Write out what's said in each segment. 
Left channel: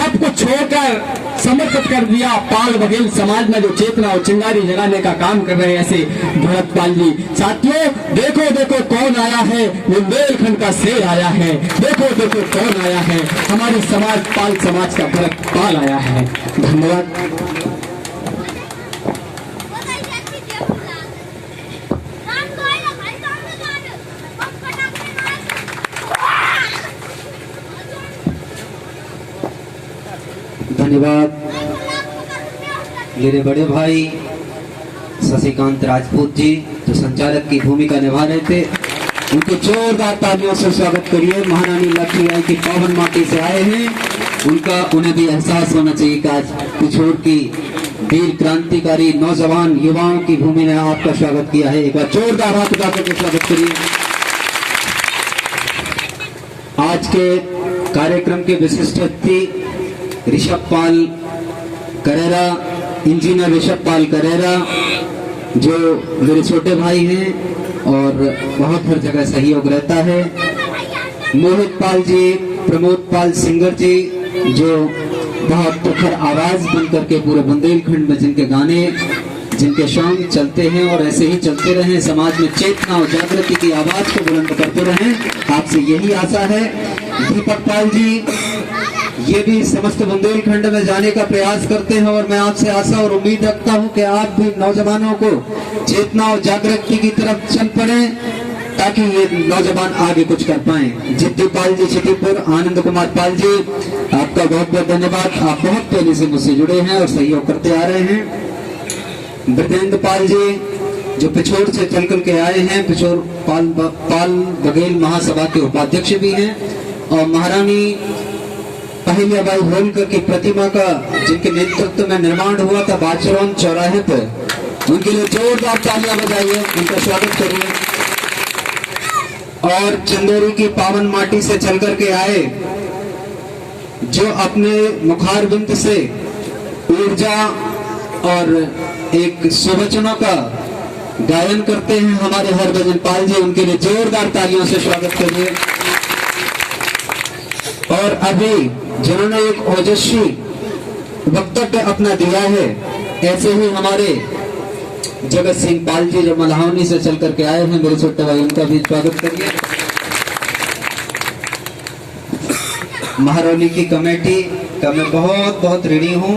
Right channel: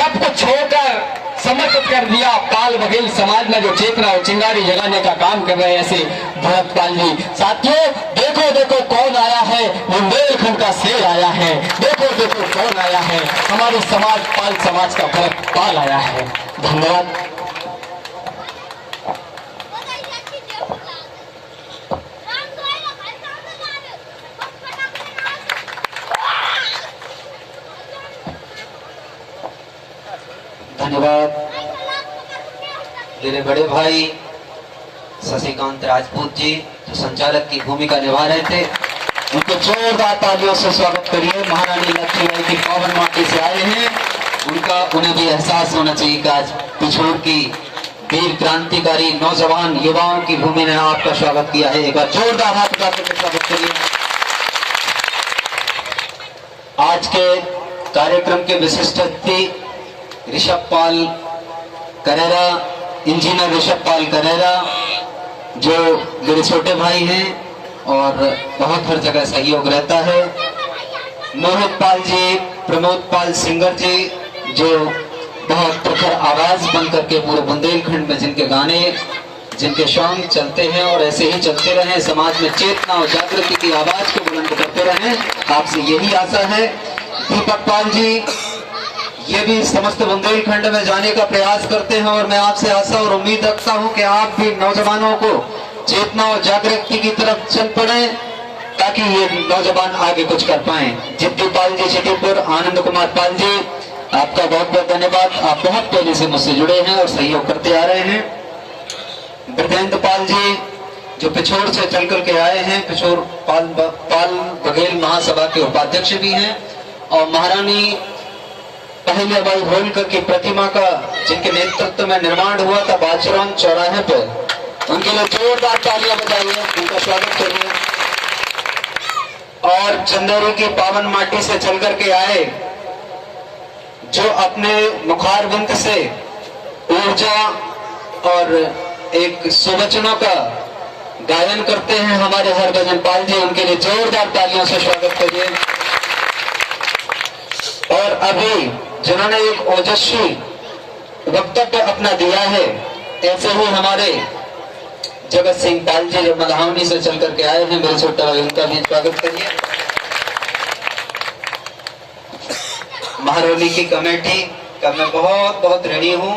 सब कुछ छोड़कर समर्पित कर दिया पाल बघेल समाज में जो चेतना और चिंगारी जगाने का काम कर रहे हैं ऐसे भरतपाल जी। साथियों देखो देखो कौन आया है, बुंदेलखंड का शेर आया है। देखो देखो कौन आया है, हमारे समाज पाल समाज का भरतपाल आया है। धन्यवाद। धन्यवाद। मेरे बड़े भाई शशिकांत राजपूत जी जो संचालक की भूमिका निभा रहे थे, उनको जोरदार तालियों से स्वागत करिए। महारानी लक्ष्मीबाई की पावन माटी से आए हैं, उन्हें भी एहसास होना चाहिए कि आज पिछोर की वीर क्रांतिकारी नौजवान युवाओं की भूमि ने आपका स्वागत किया है। एक बार जोरदार हाथ उठा करके स्वागत करिए। आज के कार्यक्रम के विशिष्ट अतिथि ऋषभ पाल करेरा, इंजीनियर ऋषभ पाल करेरा, जो मेरे छोटे भाई हैं और बहुत हर जगह सहयोग रहता है। मोहित पाल जी, प्रमोद पाल सिंगर जी, जो बहुत प्रखर आवाज बन करके पूरे बुंदेलखंड में जिनके गाने, जिनके सॉन्ग चलते हैं और ऐसे ही चलते रहें, समाज में चेतना और जागृति की आवाज को बुलंद करते रहें, आपसे यही आशा है। दीपक पाल जी, ये भी समस्त बुंदेलखंड में जाने का प्रयास करते हैं और मैं आपसे आशा और उम्मीद रखता हूं कि आप भी नौजवानों को चेतना और जागृति की तरफ चल पड़े ताकि ये नौजवान आगे कुछ कर पाएं। जिद्दी पाल जी छिटीपुर, आनंद कुमार पाल जी, आपका बहुत बहुत धन्यवाद। आप बहुत पहले से मुझसे जुड़े हैं और सहयोग करते आ रहे हैं। ब्रजेंद्र पाल जी जो पिछोर से चल करके आए हैं, पिछोर पाल बघेल महासभा के उपाध्यक्ष भी हैं, और महारानी पहले बाई होलकर की प्रतिमा का जिनके नेतृत्व में निर्माण हुआ था बाचरौन चौराहे पे, उनके लिए जोरदार तालियां बजाइए, उनका स्वागत करिए। और चंदेरी की पावन माटी से चल करके आए, जो अपने मुखारबिंद से ऊर्जा और एक सुवचनों का गायन करते हैं हमारे हरभजन पाल जी, उनके लिए जोरदार तालियों से स्वागत करिए। और अभी जिन्होंने एक ओजस्वी वक्तव्य अपना दिया है, ऐसे ही हमारे जगत सिंह पाल जी जो मल्हावनी से चल करके आए हैं, मेरे छोटे भाई, उनका भी स्वागत करिए। महरौली की कमेटी का मैं बहुत बहुत ऋणी हूँ,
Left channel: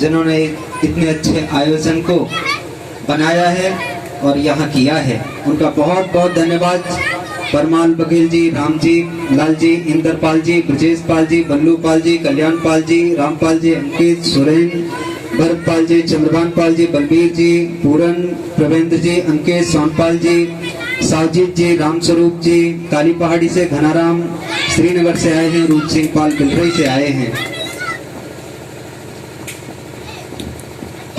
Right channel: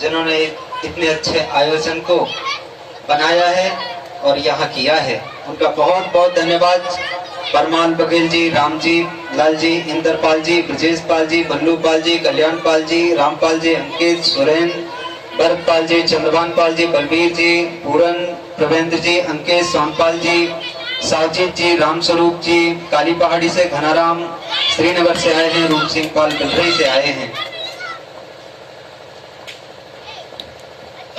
जिन्होंने इतने अच्छे आयोजन को बनाया है और यहाँ किया है, उनका बहुत बहुत धन्यवाद। परमाल बघेल जी, राम जी, लाल जी, इंदरपाल जी, ब्रजेश पाल जी, बल्लू पाल जी, कल्याण पाल जी, रामपाल जी, अंकित, सुरेन, भरतपाल जी, चंद्रभान पाल जी, बलबीर जी, पूरन, प्रवेंद्र जी, अंकित, सोनपाल जी, सावजीत जी, रामस्वरूप जी, काली पहाड़ी से घनाराम श्रीनगर से आए हैं, रूप सिंह पाल बिलरई से आए हैं।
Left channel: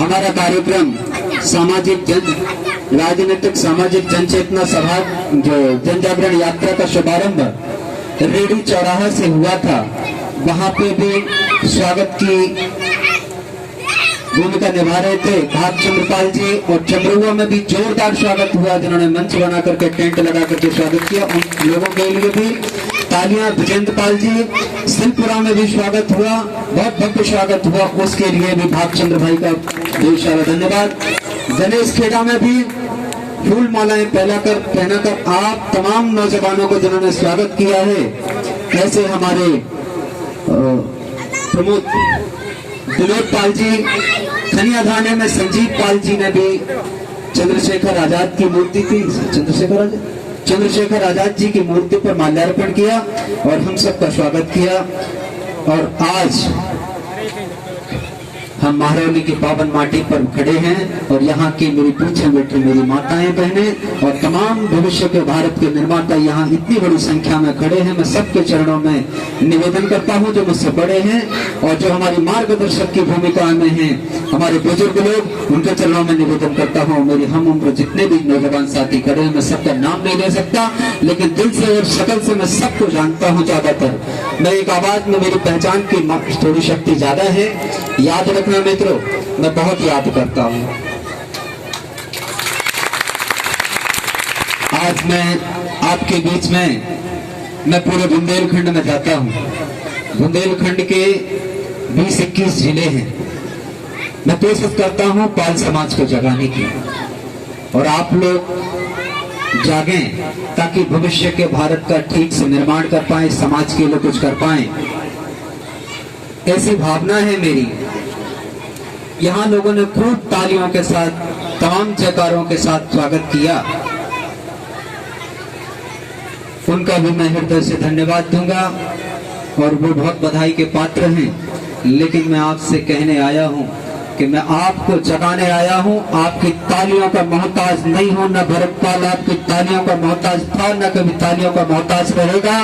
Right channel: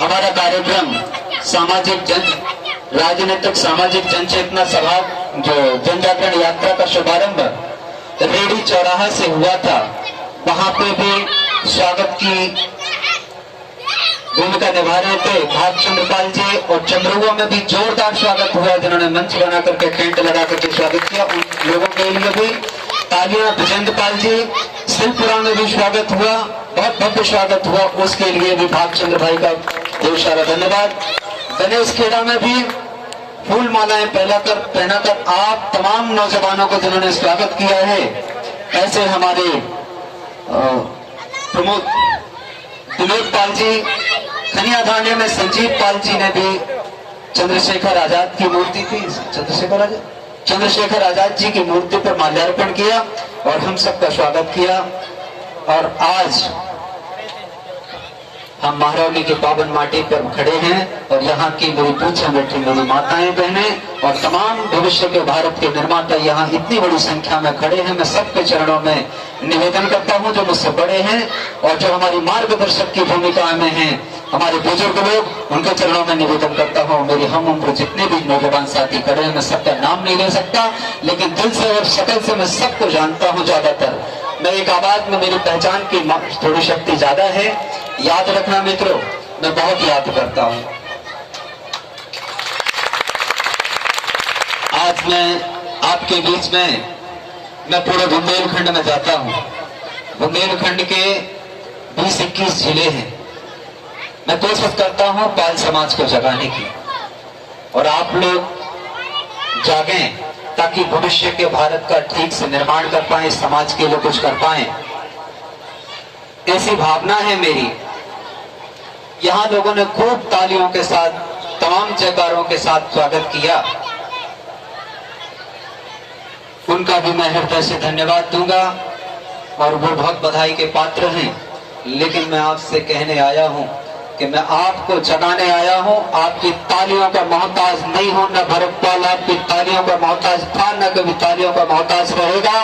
हमारा कार्यक्रम सामाजिक राजनीतिक सामाजिक जनचेतना सभा जो जन जागरण यात्रा का शुभारंभ रेडी चौराहा से हुआ था, वहां पे भी स्वागत की भूमिका निभा रहे थे भागचंद्र पाल जी, और चंद्रुआ में भी जोरदार स्वागत हुआ, जिन्होंने मंच बना करके टेंट लगा करके स्वागत किया, उन लोगों के लिए भी तालियां। विजेंद्र पाल जी, सिलपुरा में भी स्वागत हुआ, बहुत भव्य स्वागत हुआ, उसके लिए भी भागचंद्र भाई का बहुत सारा धन्यवाद। गणेश खेड़ा में भी फूल मालाएं पहनाकर आप तमाम नौजवानों को जिन्होंने स्वागत किया है, ऐसे हमारे प्रमोद विनोद पाल जी, खनिया धाने में संजीव पाल जी ने भी चंद्रशेखर आजाद की मूर्ति थी, चंद्रशेखर आजाद जी की मूर्ति पर माल्यार्पण किया और हम सबका स्वागत किया। और आज हम महरौली की पावन माटी पर खड़े हैं और यहाँ की मेरी पूछे बैठी मेरी माताएं बहनें और तमाम भविष्य के भारत के निर्माता यहाँ इतनी बड़ी संख्या में खड़े हैं। मैं सबके चरणों में निवेदन करता हूँ, जो मुझसे बड़े हैं और जो हमारी मार्गदर्शक की भूमिका में हैं, हमारे बुजुर्ग लोग, उनके चरणों में निवेदन करता हूँ। मेरी हम उम्र जितने भी नौजवान साथी खड़े हैं, मैं सबका नाम नहीं ले सकता, लेकिन दिल से और शकल से मैं सबको जानता हूँ। ज्यादातर मैं एक आवाज में मेरी पहचान की थोड़ी शक्ति ज्यादा है। याद रखना मित्रों, मैं बहुत याद करता हूँ। आज मैं आपके बीच में, मैं पूरे बुंदेलखंड में जाता हूँ। बुंदेलखंड के 20-21 जिले हैं। मैं कोशिश करता हूं पाल समाज को जगाने की, और आप लोग जागें ताकि भविष्य के भारत का ठीक से निर्माण कर पाए, समाज के लिए कुछ कर पाए। ऐसी भावना है मेरी। यहां लोगों ने खूब तालियों के साथ, तमाम जयकारों के साथ स्वागत किया, उनका भी मैं हृदय से धन्यवाद दूंगा और वो बहुत बधाई के पात्र हैं। लेकिन मैं आपसे कहने आया हूं कि मैं आपको जगाने आया हूं। आपकी तालियों का मोहताज नहीं हूं, न भरतपाल आपकी तालियों का मोहताज था, न कभी तालियों का मोहताज रहेगा।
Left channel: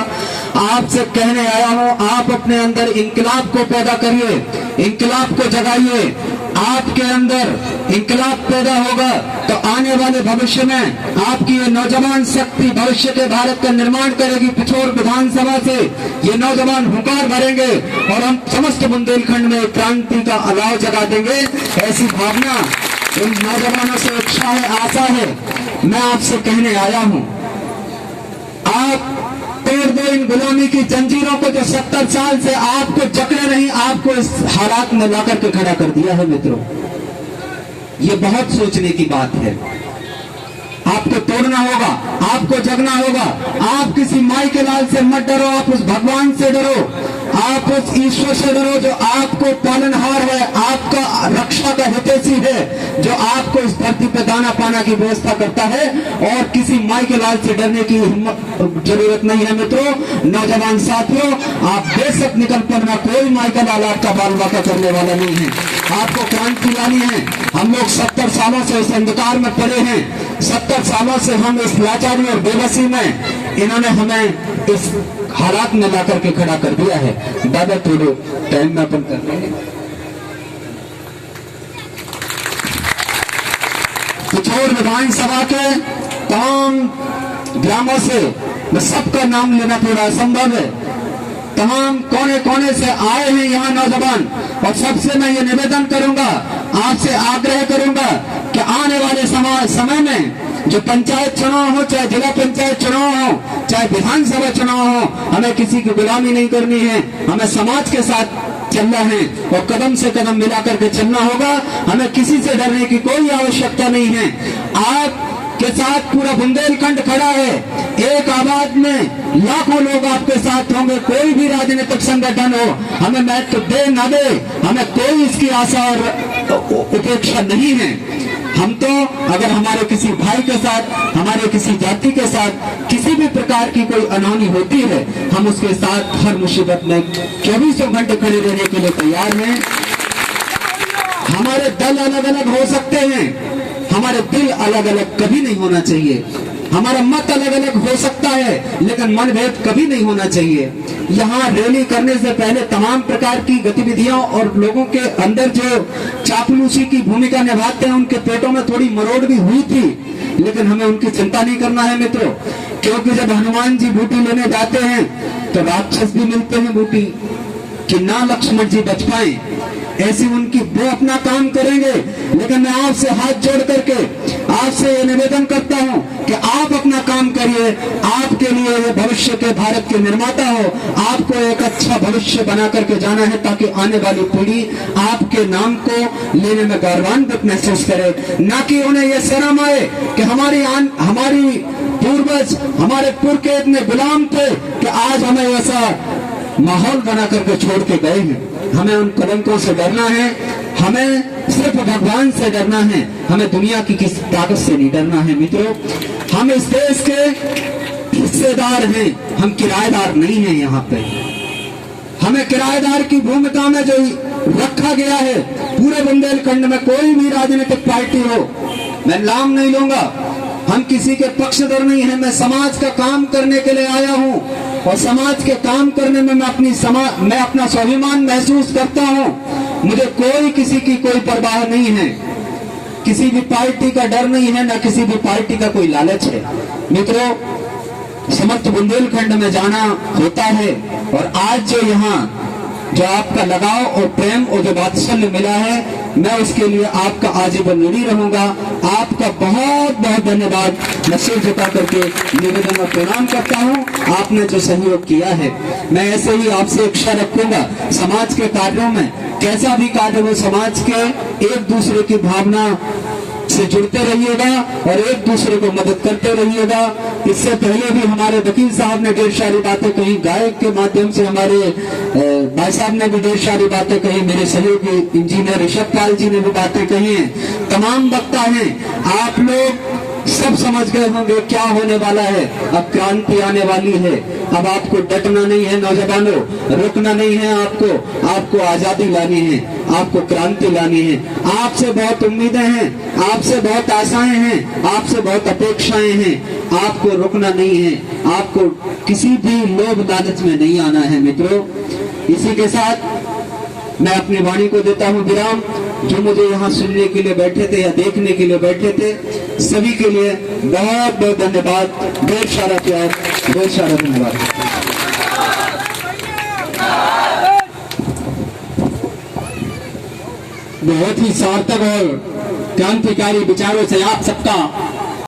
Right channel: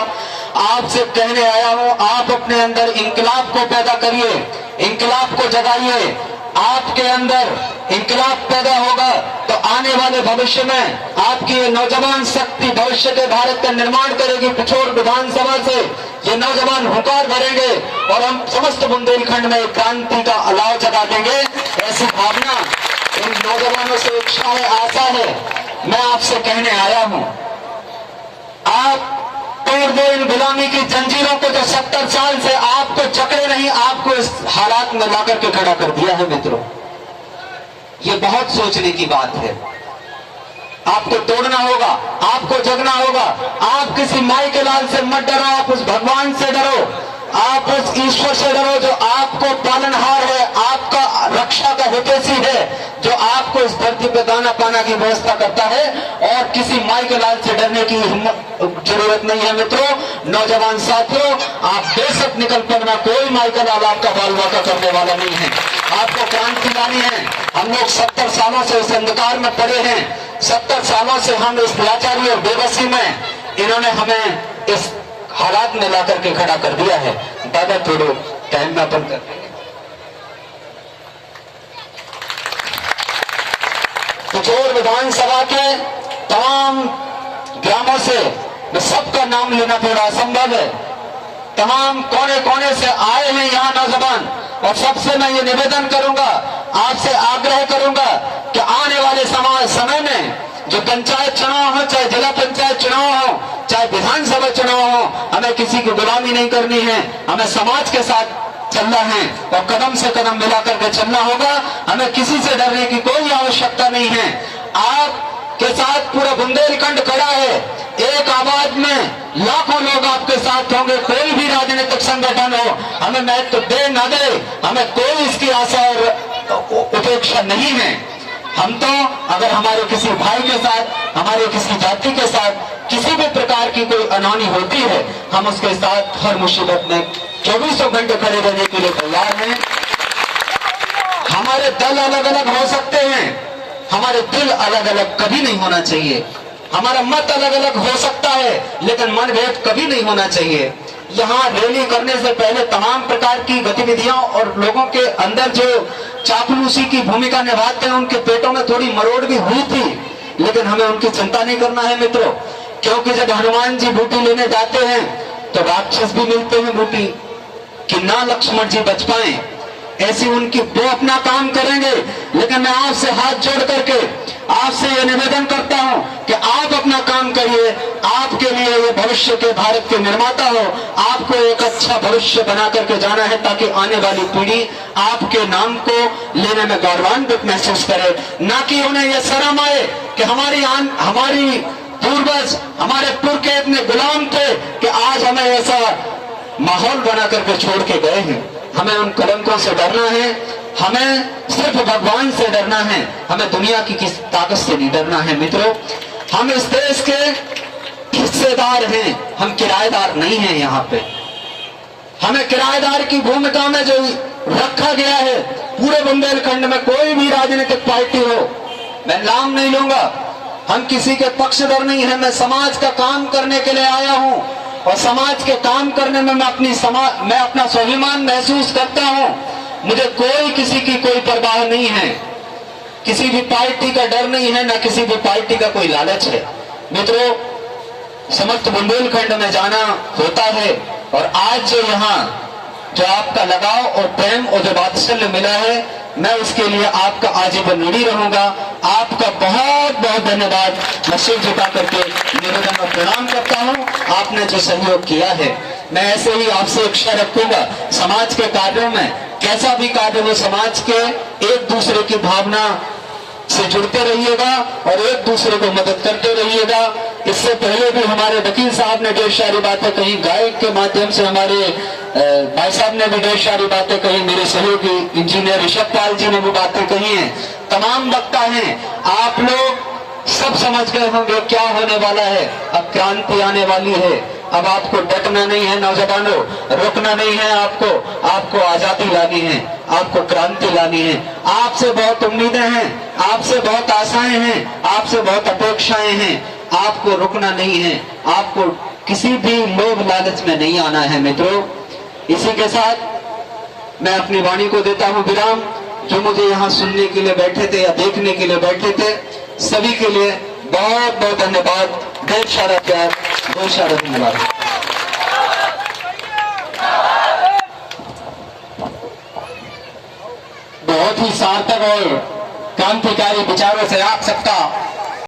आपसे कहने आया हूं, आप अपने अंदर इंकलाब को पैदा करिए, इंकलाब को जगाइए। आपके अंदर इंकलाब पैदा होगा तो आने वाले भविष्य में आपकी ये नौजवान शक्ति भविष्य के भारत का निर्माण करेगी। पिछोर विधानसभा से ये नौजवान हुंकार भरेंगे और हम समस्त बुंदेलखंड में क्रांति का अलाव जगा देंगे। ऐसी भावना इन नौजवानों से उत्साह है, आशा है। मैं आपसे कहने आया हूं, आप तोड़ दो इन गुलामी की जंजीरों को जो 70 साल से आपको जकड़े नहीं, आपको इस हालात में लाकर के खड़ा कर दिया है। मित्रों, ये बहुत सोचने की बात है। आपको तोड़ना होगा, आपको जगना होगा। आप किसी माई के लाल से मत डरो, आप उस भगवान से डरो, आप उस ईश्वर से डरो जो आपको पालनहार है, आपका रक्षा का हितैषी है, जो आपको इस धरती पे दाना पाना की व्यवस्था करता है। और किसी माई के लाल से डरने की हिम्मत जरूरत नहीं है। मित्रों, नौजवान साथियों, आप बेशक निकल पड़ना, कोई माई का लाल आपका बाल वाका करने वाला नहीं है। आपको क्रांति लानी है। हम लोग 70 सालों से इस अंधकार में पड़े हैं। 70 सालों से हम इस लाचारी और बेबसी में, इन्होंने हमें इस हालात में ला करके खड़ा कर दिया है। दादा थोड़ो टाइम में अपन कर लेंगे। पिछोर विधानसभा के तमाम ग्रामों से मैं सबका नाम लेना थोड़ा असंभव है। तमाम कोने कोने से आए हैं यहाँ नौजवान, और सबसे मैं ये निवेदन करूंगा, आपसे आग्रह करूंगा कि आने वाले समय में जो पंचायत चुनाव हो, चाहे जिला पंचायत चुनाव हो, चाहे विधानसभा चुनाव हो, हमें किसी की गुलामी नहीं करनी है। हमें समाज के साथ चलना है और कदम से कदम मिलाकर के चलना होगा। हमें किसी से डरने की कोई आवश्यकता नहीं है। आपके साथ पूरा बुंदेलखंड खड़ा है। एक आवाज में लाखों लोग आपके साथ होंगे। कोई भी राजनीतिक संगठन हो, हमें महत्व दे ना दे, हमें कोई इसकी आशा और उपेक्षा नहीं है। हम तो अगर हमारे किसी भाई के साथ, हमारे किसी जाति के साथ किसी भी प्रकार की कोई अनहोनी होती है, हम उसके साथ हर मुसीबत में 24 घंटे खड़े रहने के लिए तैयार हैं। हमारे दल अलग अलग हो सकते हैं, हमारे दिल अलग अलग कभी नहीं होना चाहिए। हमारा मत अलग अलग हो सकता है, लेकिन मनभेद कभी नहीं होना चाहिए। यहाँ रैली करने से पहले तमाम प्रकार की गतिविधियां और लोगों के अंदर जो चापलूसी की भूमिका निभाते हैं, उनके पेटों में थोड़ी मरोड़ भी हुई थी, लेकिन हमें उनकी चिंता नहीं करना है मित्रों। क्योंकि जब हनुमान जी बूटी लेने जाते हैं तो राक्षस भी मिलते हैं बूटी, कि ना लक्ष्मण जी बच पाए। ऐसी उनकी वो अपना काम करेंगे, लेकिन मैं आपसे हाथ जोड़ करके आपसे यह निवेदन करता हूं कि आप अपना काम करिए। आपके लिए ये भविष्य के भारत के निर्माता हो। आपको एक अच्छा भविष्य बना करके जाना है, ताकि आने वाली पीढ़ी आपके नाम को लेने में गौरवान्वित महसूस करे, ना कि उन्हें यह शर्म आए कि हमारी पूर्वज, हमारे पुरखे इतने गुलाम थे कि आज हमें ऐसा माहौल बना करके छोड़ के गए हैं। हमें उन कलंकों से डरना है, हमें सिर्फ भगवान से डरना है, हमें दुनिया की किसी ताकत से नहीं डरना है। मित्रों, हम इस देश के हिस्सेदार हैं, हम किराएदार नहीं हैं। यहाँ पे हमें किराएदार की भूमिका में जो रखा गया है, पूरे बुंदेलखंड में कोई भी राजनीतिक पार्टी हो, मैं नाम नहीं लूंगा, हम किसी के पक्षधर नहीं है। मैं समाज का काम करने के लिए आया हूँ, और समाज के काम करने में मैं अपना स्वाभिमान महसूस करता हूँ। मुझे कोई किसी की कोई परवाह नहीं है, किसी भी पार्टी का डर नहीं है, ना किसी भी पार्टी का कोई लालच है। मित्रों, समस्त बुंदेलखंड में जाना होता है, और आज जो यहाँ जो आपका लगाव और प्रेम और जो वात्सल्य मिला है, मैं उसके लिए आपका आजीवन ऋणी रहूंगा। आपका बहुत बहुत धन्यवाद। मैं सिर झुका करके निवेदन और प्रणाम करता हूं। आपने जो सहयोग किया है, मैं ऐसे ही आपसे इच्छा रखूंगा समाज के कार्यों में, कैसा भी कार्य हो, समाज के एक दूसरे की भावना से जुड़ते रहिएगा और एक दूसरे को मदद करते रहिएगा। इससे पहले भी हमारे वकील साहब ने ढेर सारी बातें कही, गायक के माध्यम से हमारे भाई साहब ने भी ढेर सारी बातें कही, मेरे सहयोगी इंजीनियर ऋषभ पाल जी ने भी बातें कही हैं, तमाम वक्ता हैं। आप लोग सब समझ गए होंगे क्या होने वाला है। अब क्रांति आने वाली है। अब आपको डटना नहीं है नौजवानों, रोकना नहीं है आपको आजादी लानी है, आपको क्रांति लानी है। आपसे बहुत उम्मीदें हैं, आपसे बहुत आशाएं हैं, आपसे बहुत अपेक्षाएं हैं। आपको रुकना नहीं है, आपको किसी भी लोभ लालच में नहीं आना है मित्रों। इसी के साथ मैं अपनी वाणी को देता हूं विराम। जो मुझे यहाँ सुनने के लिए बैठे थे या देखने के लिए बैठे थे, सभी के लिए बहुत बहुत धन्यवाद। बहुत सारा प्यार, बहुत सारा धन्यवाद। बहुत ही सार्थक और क्रांतिकारी विचारों से आप सबका